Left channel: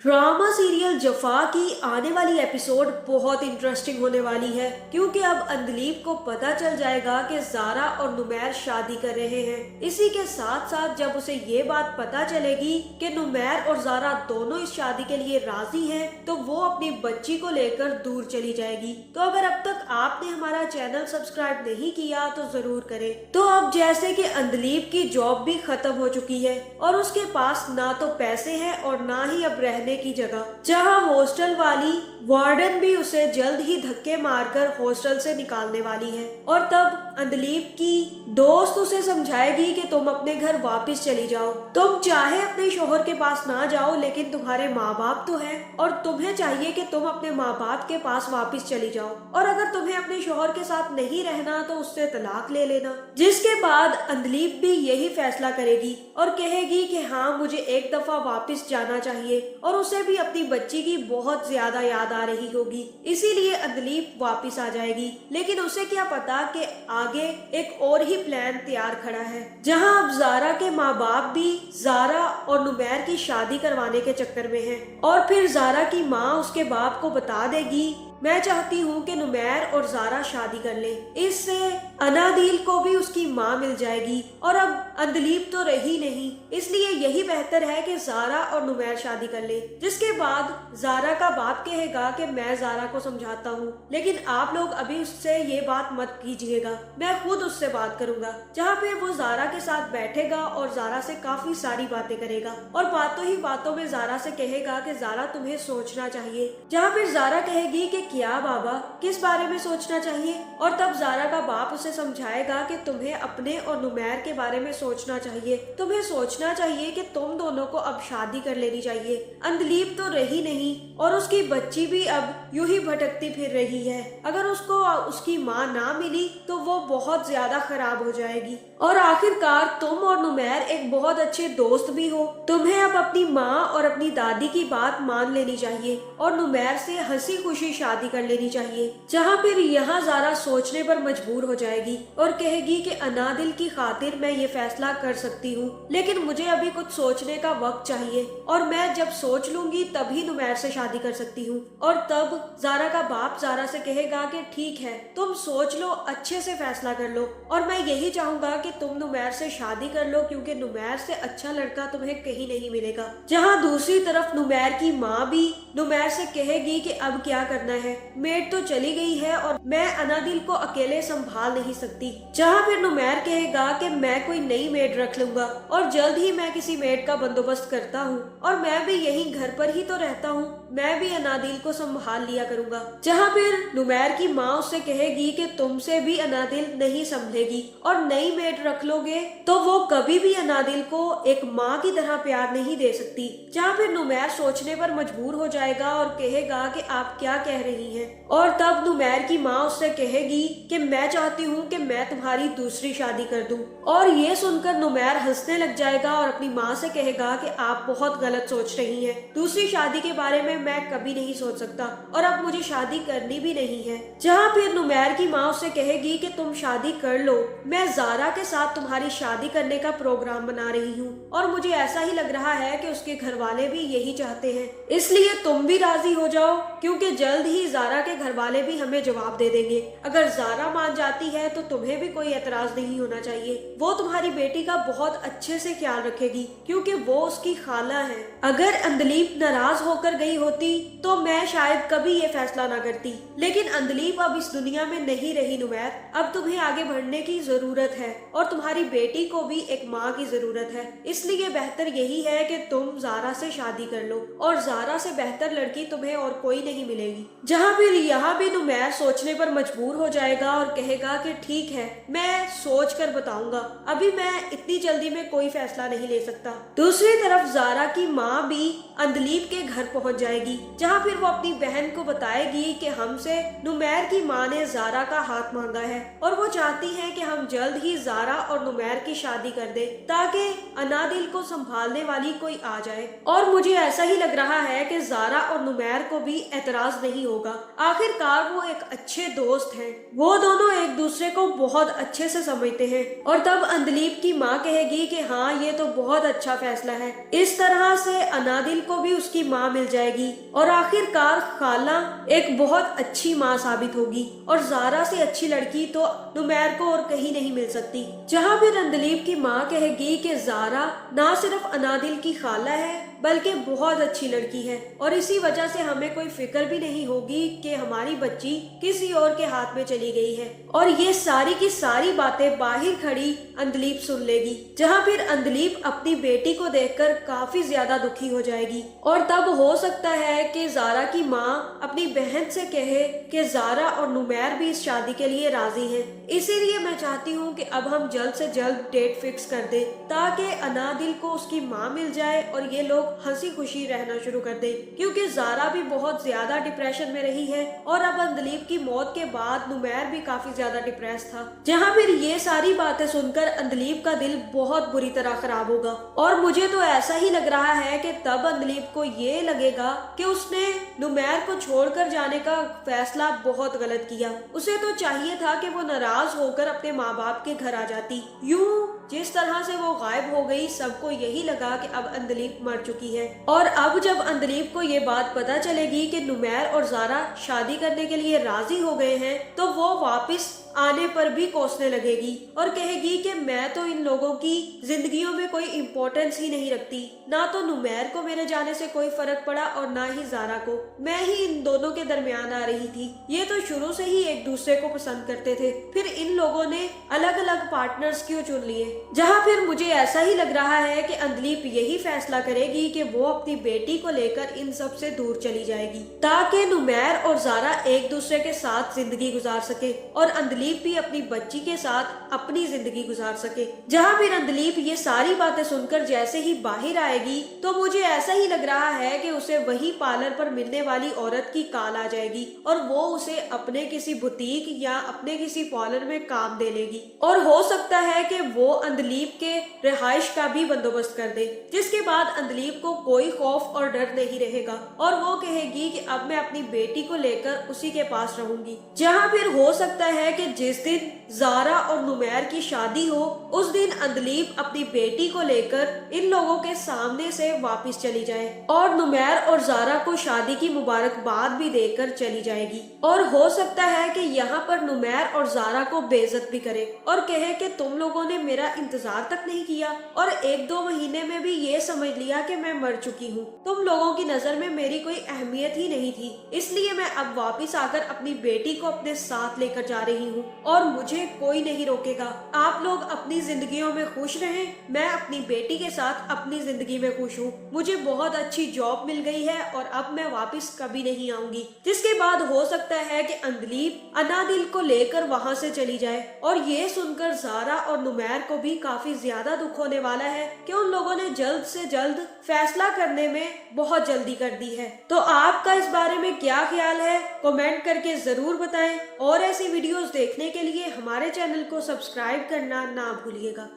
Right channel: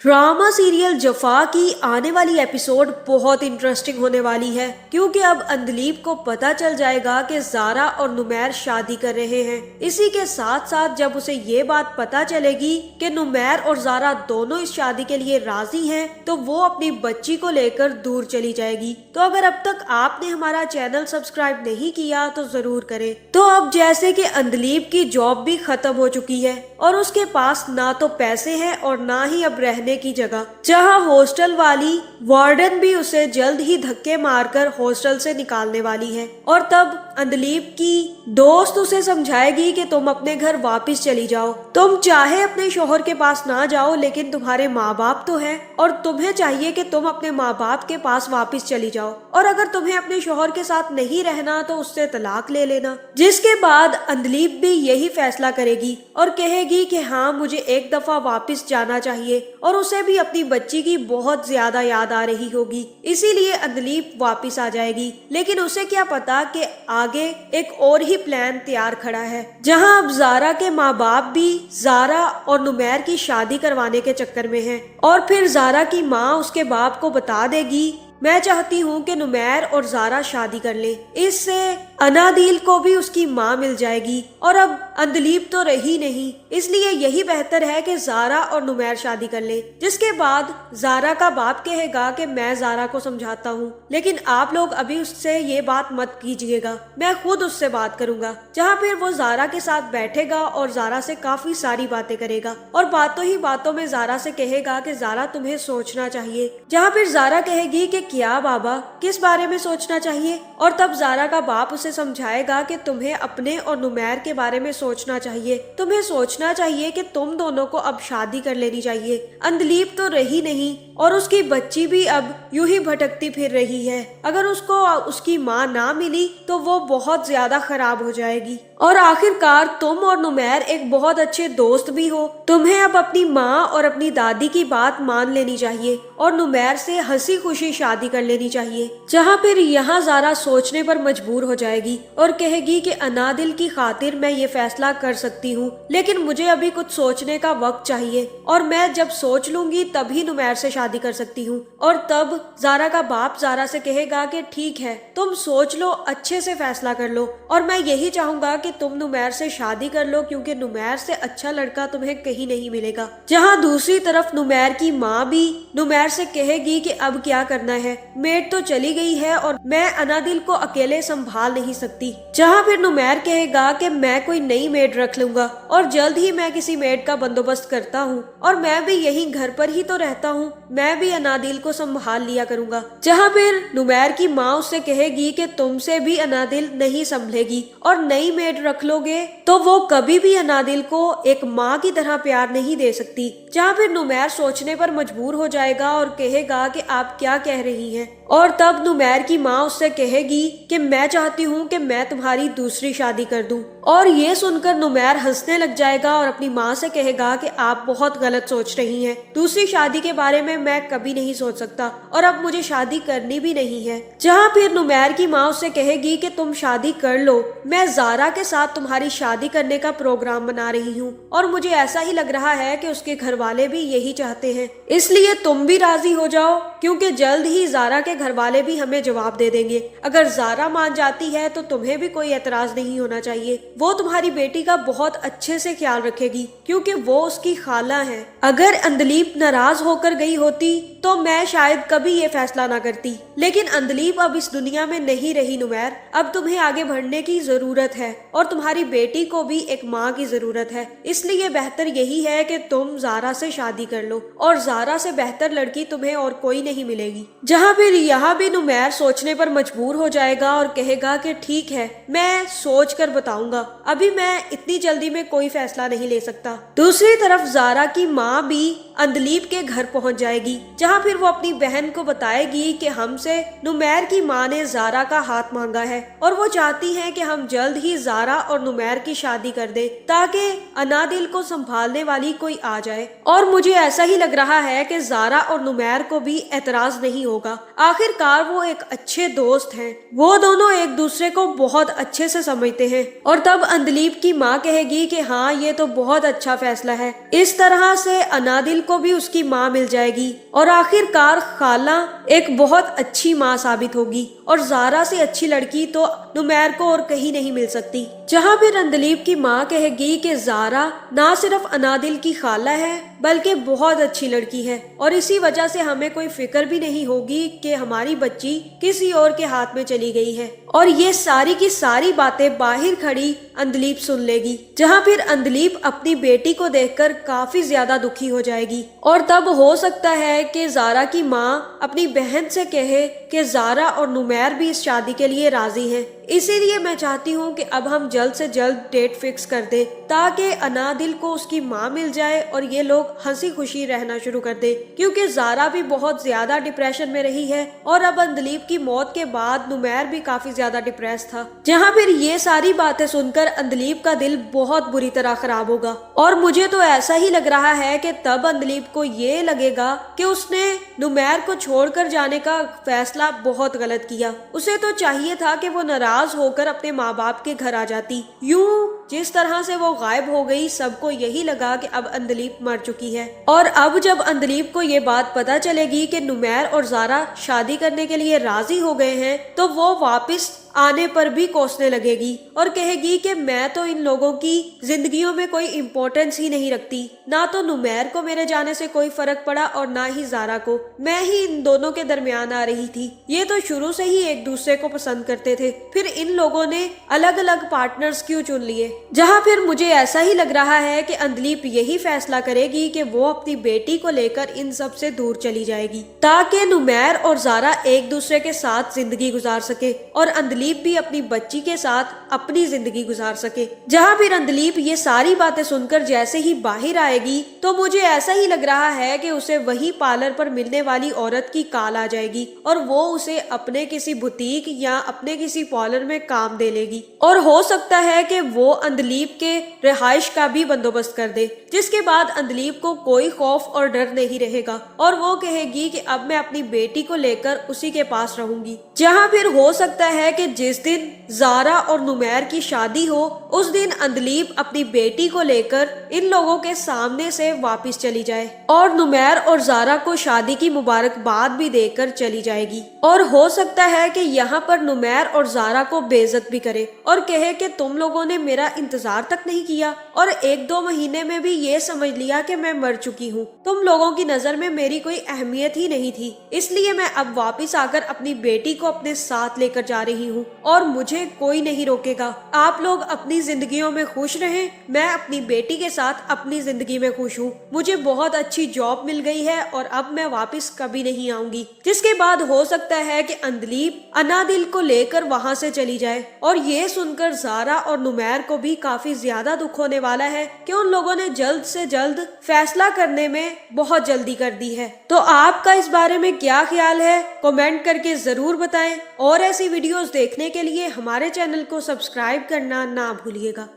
Drama serial जफा की आने वाली एपिसोड बहुत इंटरेस्टिंग होने वाली है, क्योंकि अब अंदलीब को पता चल जाएगा कि जारा और नुमैर शादी कर रहे हैं। इसी के साथ साथ जब उसे ये बात पता चलेगी कि नुमैर और जारा दोनों इस शादी के लिए राजी हैं, तो वो अपनी बच्ची को लेकर दूर चली जाएगी। तो अगर अब तक आपने हमारा चैनल सब्सक्राइब नहीं किया तो जरूर करें। तो अब जैसे कि अंदलीब की जॉब भी खत्म हो चुकी है और उसके पास ना तो पैसे हैं और ना ही अब रहने की जगह, जहां हॉस्टल वाली वार्डन भी उसे जल्द ही धक्के मारकर हॉस्टल से निकालने वाली है। और तब अंदलीब की दोस्त उसे समझाएगी कि तुम अपने घर वापस चली जाओ, तुम चाहे अपने शोहर के पास ना जाओ, लेकिन तुम्हारे माँ बाप तो है और तुम्हें चाहिए कि तुम अपने माँ बाप के पास वापस चली जाओ, और अगर तुम्हें अपने शोहर के साथ नहीं रहना तो उससे तलाक ले लेना। जिसके बाद अंदलीब भी यही फैसला करेगी और कहेगी कि हाँ, मुझे एक दफा वापस जाना चाहिए, और उसे भी अपनी बच्ची की बहुत ज्यादा याद आ रही होगी, इसीलिए अंदलीब वापस आ जाएगी। लेकिन उसे क्या पता कि आगे एक और ही प्लान तैयार खड़ा है, जहां अब जारा के माँ बाप भी जारा और नुमैर की शादी करवाने के चक्कर में हैं। और फिर जारा की माँ उसके बाप को बता देगी, मैं चाहती हूँ कि नुमैर और जारा शादी कर ले, इससे अनादिल को भी उसकी माँ मिल जाएगी, और अब अंदलीब तो रही नहीं, इसलिए यही बेहतर है कि जारा और नुमैर शादी कर ले। जिसके बाद जारा का बाप कहेगा कि मैं जारा को समझाता हूँ, लेकिन आप लोग अभी उससे ये बात मत कीजिएगा, मैं खुद उससे बात करूंगा। जहाँ फिर वो जारा के साथ बैठेगा और जारा से काफी सारी बातें करेगा, और बातों ही बातों में जारा से कहेगा कि जारा तुम्हें सोचना चाहिए। जहाँ फिर जारा कहेगी कि क्या बाबा, किस बारे में सोचना चाहिए? और तब जारा का बाप उसे समझाएगा कि तुम्हें अपने और नुमैर के बारे में सोचना चाहिए, तुम्हें सोचना चाहिए कि तुम दोनों को अब शादी कर लेनी चाहिए। अंदलीब तो रही नहीं और उसकी बच्ची भी अब यूं ही भटकती फिर रही है, अगर उसको उसकी माँ ना मिली तो वो बहुत ज्यादा खराब हो जाएगी। और आखिरकार तुम और नुमैर एक बहुत अच्छे दोस्त भी हो, तुम्हें अब अपनी माँ और अपनी दादी की बात मान लेनी चाहिए और नुमैर से हंसी खुशी शादी कर लेनी चाहिए। जहाँ फिर यहाँ जारा सोचने पर मजबूर हो जाएगी और कहेगी कि अनादिल की खातिर मैं ये फैसला कर सकती हूँ, लेकिन मुझे अभी कुछ सोचने का वक्त चाहिए, और मैं जब सोच लूंगी तभी नुमैर से शादी कर सकती हूँ। और तब जारा का बाप जारा से कहेगा कि ठीक है, तुम सोच लो, अच्छे से फैसला कर लो, और मैं यही चाहूंगा कि तुम नुमैर से शादी कर लो, क्योंकि नुमैर से अच्छा लड़का तुम्हें कहीं नहीं मिलेगा। जहाँ दूसरी तरफ नुमैर की माँ भी नुमैर से कहेगी कि अब क्या करना है, मेड तो चली गई है और मैं अनादिल को अकेले संभाल नहीं सकती। जहाँ फिर नुमैर कहेगा कि मैं कोई नई मेड रख लूंगा और जल्द ही मैं किसी मेड का बंदोबस्त करता हूँ, और मैं भी यही घर पर ही तो रहता हूँ, मैं भी अनादिल को संभाल लिया करूंगा। जहाँ फिर नुमैर की माँ उससे कहेगी कि तुमसे भी अनादिल नहीं संभलेगी, और नई मेड रख लोगे तो वो कभी भी अनादिल को एक माँ की तरह प्यार नहीं दे सकती। जहाँ फिर नुमैर सोचने पर मजबूर हो जाएगा और कहेगा कि आप क्या कह रही हैं, और तब नुमैर की माँ उससे कहेगी कि मैं चाहती हूँ कि मैं तुम्हारी दूसरी शादी कर दूं। और ये सुनकर नुमैर हंसने लग जाएगा और अपनी माँ से कहेगा कि आप बहुत गलत सोच रही हैं, दूसरी शादी के बारे में मैं कभी नहीं सोच सकता, और अब मुझे शादी करनी भी नहीं है। जहाँ फिर नुमैर की माँ उससे कहेगी कि तुम शादी कर लो, मैं जारा के साथ तुम्हारी शादी करने का प्रोग्राम बना रही हूँ, और मुझे ऐसा ही लग रहा है कि उसके घर वाले भी यही चाहते हैं, इसलिए तुम भी राजी हो जाओ, क्योंकि जल्द ही जारा के घर वाले भी हमें जवाब दे देंगे। अगर जारा मान जाती है तो तुम्हें भी कोई एतराज नहीं होना चाहिए, वो तुम्हारी बेटी का बहुत अच्छे से ख्याल रखेगी, क्योंकि वो उसकी खाला है। अगर अंदलीब नाराज होकर गई होती तो मैं शायद कभी ये फैसला ना करती, लेकिन अंदलीब अब इस दुनिया में नहीं रही नुमैर, अब तुम्हें आगे बढ़ने की जरूरत है और तुम्हारी बेटी को भी एक माँ की जरूरत है, इसलिए बेहतर यही है कि तुम जारा से शादी कर लो, और जारा से बेहतर लड़की तुम्हें और कोई नहीं मिलेगी। जहाँ फिर यहाँ भी नुमैर सोचने पर मजबूर हो जाएगा और कहेगा कि ठीक है, मैं सोच कर बताऊंगा, अभी मैं इतनी जल्दी में कोई फैसला नहीं ले सकता। दूसरी तरफ जारा की माँ भी अंदलीब के घर पहुंच जाएगी, जहाँ फिर वो अपनी बहन को बताएगी कि हमसे नुमैर की माँ ने जारा का हाथ मांगा है और वो चाहती है कि हम जल्द ही जारा और नुमैर की शादी कर दे, ताकि अनादिल को संभालने वाली कोई आ जाए। और मुझे ऐसा ही लग रहा है कि जारा और नुमैर को भी एतराज नहीं होगा, आखिरकार वो एक अच्छे दोस्त हैं, वो दोनों एक दूसरे को बहुत अच्छे से समझते हैं। और तब अंदलीब की माँ कहेगी कि हाँ, ये तो बहुत अच्छा फैसला है, इस तरह से अनादिल को भी उसकी माँ मिल जाएगी और आखिरकार खाला एक बहुत अच्छी माँ साबित होगी और ज़ारा से अच्छी लड़की तो नुमैर को और कहीं नहीं मिल सकती। जहाँ फिर अंदलीब की माँ कहेगी कि ज़ारा ना सिर्फ अनादिल की खाला है बल्कि बहुत अच्छी लड़की है और इसी वजह से हमें कोई फिक्र भी नहीं होगी कि हमारी बच्ची किसी और के हाथ में चली गई है। और ये सारी की सारी बातें बाहर खड़ी अंदलीब सुन लेगी, जहाँ फिर अंदलीब अपनी बेटी को देखकर काफी ज्यादा दुखी हो जाएगी और तब हो सकता है कि ज़ारा की माँ अपनी बहन से कहे कि ज़ारा और नुमैर भी इस शादी के लिए राजी हैं। इसीलिए मैं चाहती हूँ कि अब हम जल्द से जल्द डेट फिक्स कर दें ताकि अनादिल को उसकी माँ मिल जाए और ये लोग हंसी खुशी रहना शुरू कर दे, क्योंकि ज़ारा भी बहुत ज्यादा डिप्रेशन में रही है और अब अंदलीब की मौत के बाद नुमैर भी काफी ज्यादा डिप्रेस था। जहाँ फिर ये सारी बातें सुनकर अंदलीब का दिल बहुत बुरी तरह खराब होगा और मुझे तो ऐसा ही लग रहा है कि तब अंदलीब को ये लगेगा कि उसने नुमैर को छोड़कर जाने का फैसला बहुत गलत किया। उसे तो चाहिए था कि वो नाराज होकर अपने माँ बाप के घर आ जाती। यूं जिस तरह से वो गायब हो गई सबको यही लगा कि अब अंदलीब मर चुकी है। और अब जब अंदलीब को ये बात पता चलेगी कि नुमैर और ज़ारा शादी करने के लिए राजी हो गए हैं तो वो वापस आने पर भी कोसने लगेगी और कहेगी कि मैं तो इन लोगों की जिंदगियों में कोई इम्पोर्टेंस ही नहीं रखती। ना तो नुमैर को मेरे जाने से कोई फर्क पड़ा और ना ही ज़ारा को, मैं ही इन दोनों के दरमियान आ रही थी। ये तो शुरू से ही एक दूसरे को पसंद करते थे, फिर इन लोगों ने अलग अलग पार्टनर्स क्यों चुन लिए। जहाँ फिर मुझे ऐसा ही लग रहा है कि अंदलीब यही फैसला करेगी कि वो अपनी बेटी को लेकर इन सब से दूर चली जाएगी ताकि नुमैर और ज़ारा एक दूसरे के साथ जिंदगी गुजार सके और अंदलीब भी अपनी बच्ची के साथ अपनी जिंदगी गुजार सके। जहाँ फिर अंदलीब ये सारी बातें सुनकर जैसे ही बाहर आएगी तो मुझे ऐसा ही लग रहा है कि उसे वही पार्लर पर मिलने वाली औरत की कॉल आ जाएगी और वो उसे अपने किसी बुटीक या अपने किसी पार्लर में काम दे लेगी और हो सकता है कि वो अंदलीब के रिहाइश का भी बंदोबस्त कर दे, जिसके बाद अंदलीब को कोई खौफ और डर नहीं रहेगा और वो कहेगी कि अब मैं अपनी बेटी को लेकर उसी के पास रहूंगी। जहाँ फिर हो सकता है कि जिस दिन ज़ारा और नुमैर की शादी हो उस दिन अंदलीब अपनी बेटी को लेकर इन लोगों के सामने से वापस चली जाए और नुमैर और ज़ारा को शादी की मुबारकबाद भी देकर चली जाएगी। और हो सकता है कि यहाँ पर नुमैर और ज़ारा को बेइज्जत भी करे और कहे कि तुम लोगों ने मेरा इंतजार तक नहीं किया और 1-2 महीने में भी ये समझ लिया कि मैं मर चुकी हूँ। तुम लोगों की नजर में मेरी कोई अहमियत ही नहीं थी, इसलिए मैं अब वापस आकर अपनी बेटी को अपने साथ लेकर जा रही हूँ और मुझे कोई नहीं रोकेगा। आप लोग अपनी जिंदगियों में खुश रहें, मैं अपनी बेटी के साथ अपनी जिंदगी में खुश हूँ। मुझे बहुत अच्छी जॉब मिल गई है और अब मैं वापस कभी नहीं आऊंगी। जिसके बाद हो सकता है कि अंदलीब अनादिल को लेकर वहाँ से चली जाए और ये सुनकर ज़ारा और नुमैर को भी काफी ज्यादा दुख होने वाला है कि उन लोगों ने जल्द से जल्द फैसला करने में बहुत जल्दी कर दी है। तो आपका इस बारे में क्या ख्याल है कमेंट करके जरूर बताएं और ऐसी वीडियोस देखने के लिए हमारे चैनल को सब्सक्राइब करना ना भूलिएगा।